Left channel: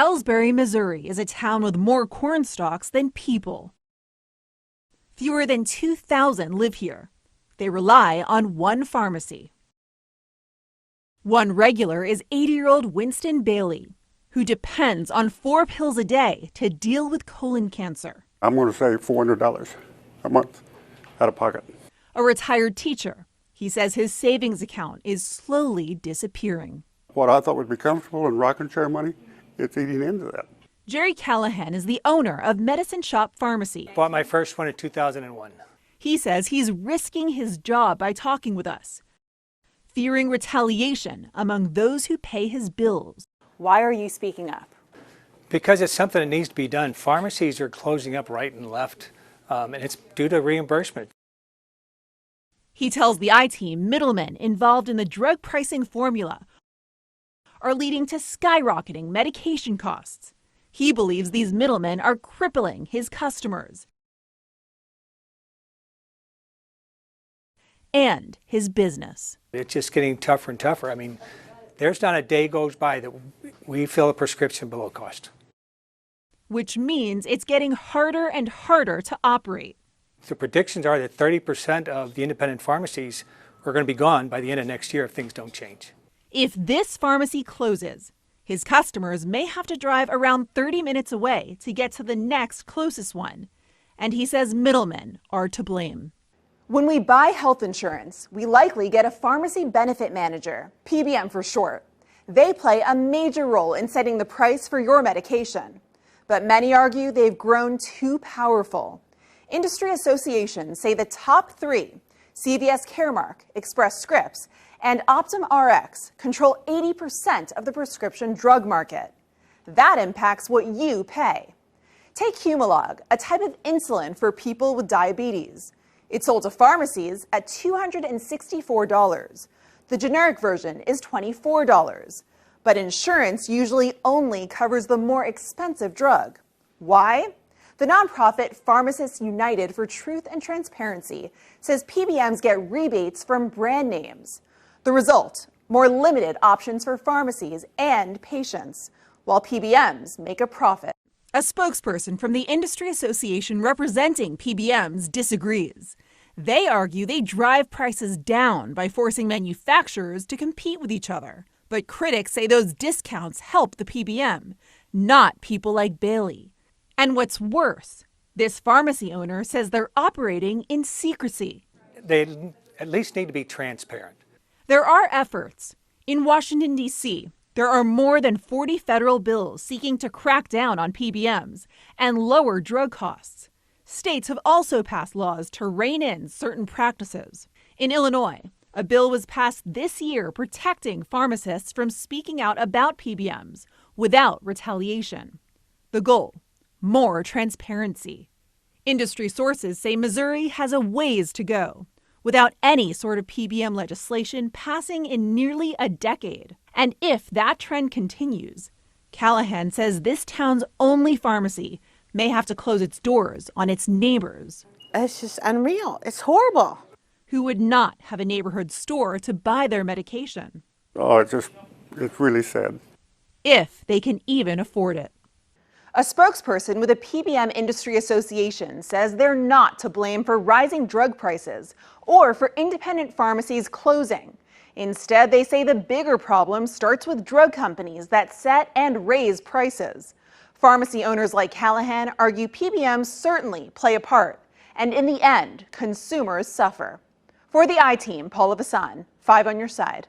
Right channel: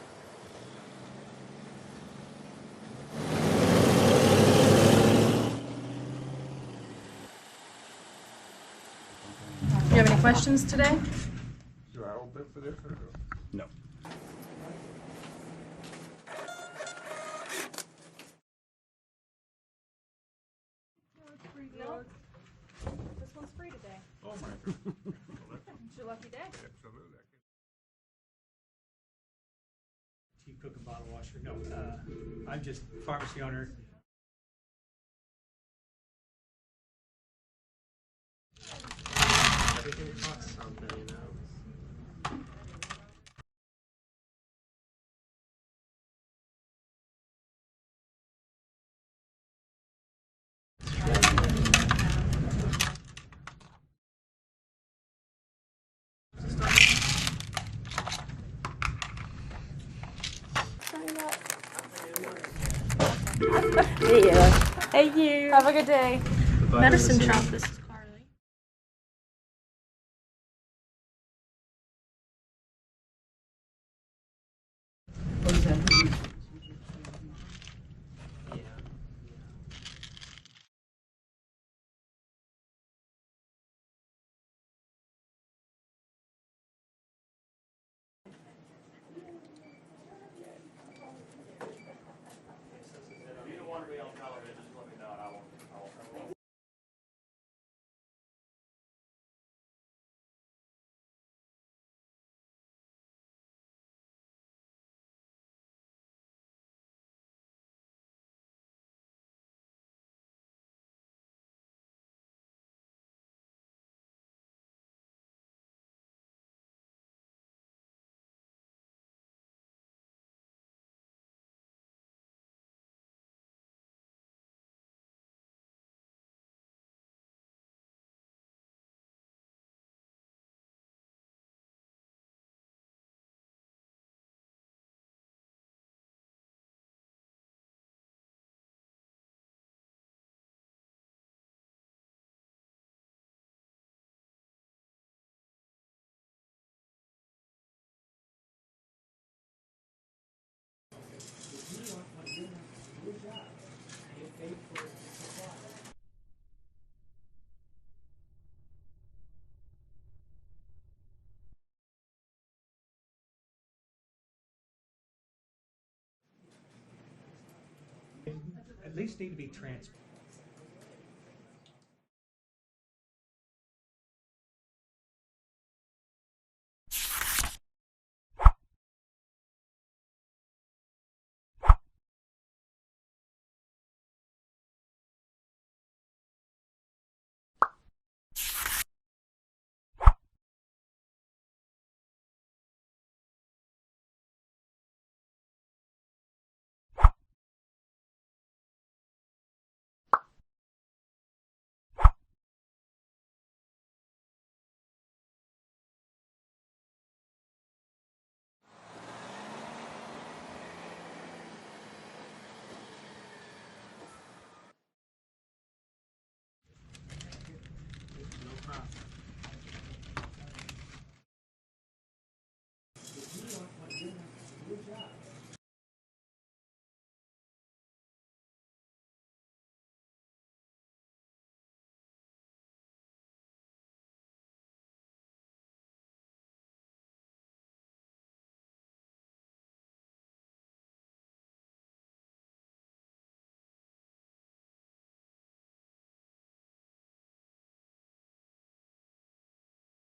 Ellsbury, Missouri is a town with more corn stalks than people. Fewer than 2,000 live here. They rely on one pharmacy. You have any questions today? One regular is 80-year-old Winston Bailey, who depends on 4 pills a day to deal with colon cancer. I'm going to say $400 a month out of pocket. A retired teacher, he says his savings account is slowly disappearing. What I thought would be comfortable in rocking chair money, it's eating into that. Jerry Callahan is the owner of Medicine Shop Pharmacy. Bought my first one in 2001. He says he's risking his job by talking with us, fearing retaliation among those who pay his bills. Why are you speaking up? Because it's something that needs to be done. Pharmacies are closing up right and left, and it's due to reimbursement. He tells the I-Team middlemen involved in the drug pricing formula are leading to skyrocketing medication costs. He believes these middlemen are crippling his customers. Thank you. Have a good day. Medicine shop is... And his business. It's just getting tougher and tougher. I mean, there's not a day goes by that we fill a prescription below cost. Which means it's getting harder and harder to operate. The predictions are that 30% of the independent pharmacies are going to be gone by the end of next year if things don't change. If this pharmacy closes, his customers may have to drive around 30 minutes away to get to the next closest one. And he says middlemen are to blame. When we buy health insurance, we likely get a pharmacy benefit manager, PBM for short. They play a major role in setting the price for your medication. But many argue they've grown too powerful. Industry associations say the top 3, CVS Caremark, Express Scripts, and Optum Rx, control 80% of the prescription drug market. That impacts what you pay. Take Humalog, a type of insulin for people with diabetes. It's sold to pharmacies at $264. The generic version is $24. But insurance usually only covers the more expensive drug. Why? The nonprofit Pharmacists United for Truth and Transparency says PBMs get rebates from brand names. The result, more limited options for pharmacies and patients, while PBMs make a profit. A spokesperson from the industry association representing PBMs disagrees. They argue they drive prices down by forcing manufacturers to compete with each other. But critics say those discounts help the PBM, not people like Bailey. And what's worse, this pharmacy owner says they're operating in secrecy. They at least need to be transparent. There are efforts. In Washington, D.C., there are more than 40 federal bills seeking to crack down on PBMs and lower drug costs. States have also passed laws to rein in certain practices. In Illinois, a bill was passed this year protecting pharmacists from speaking out about PBMs without retaliation. The goal? More transparency. Industry sources say Missouri has a ways to go, without any sort of PBM legislation passing in nearly a decade. And if that trend continues, Callahan says this town's only pharmacy may have to close its doors on its neighbors. It's just unreal. It's horrible. Who would not have a neighborhood store to buy their medication. Oh, it's really sad. If they can even afford it. A spokesperson with a PBM industry association says they're not to blame for rising drug prices or for independent pharmacies closing. Instead, they say the bigger problem starts with drug companies that set and raise prices. Pharmacy owners like Callahan argue PBMs certainly play a part, and in the end, consumers suffer. For the I-Team, Paula Vasan, 5 on your side.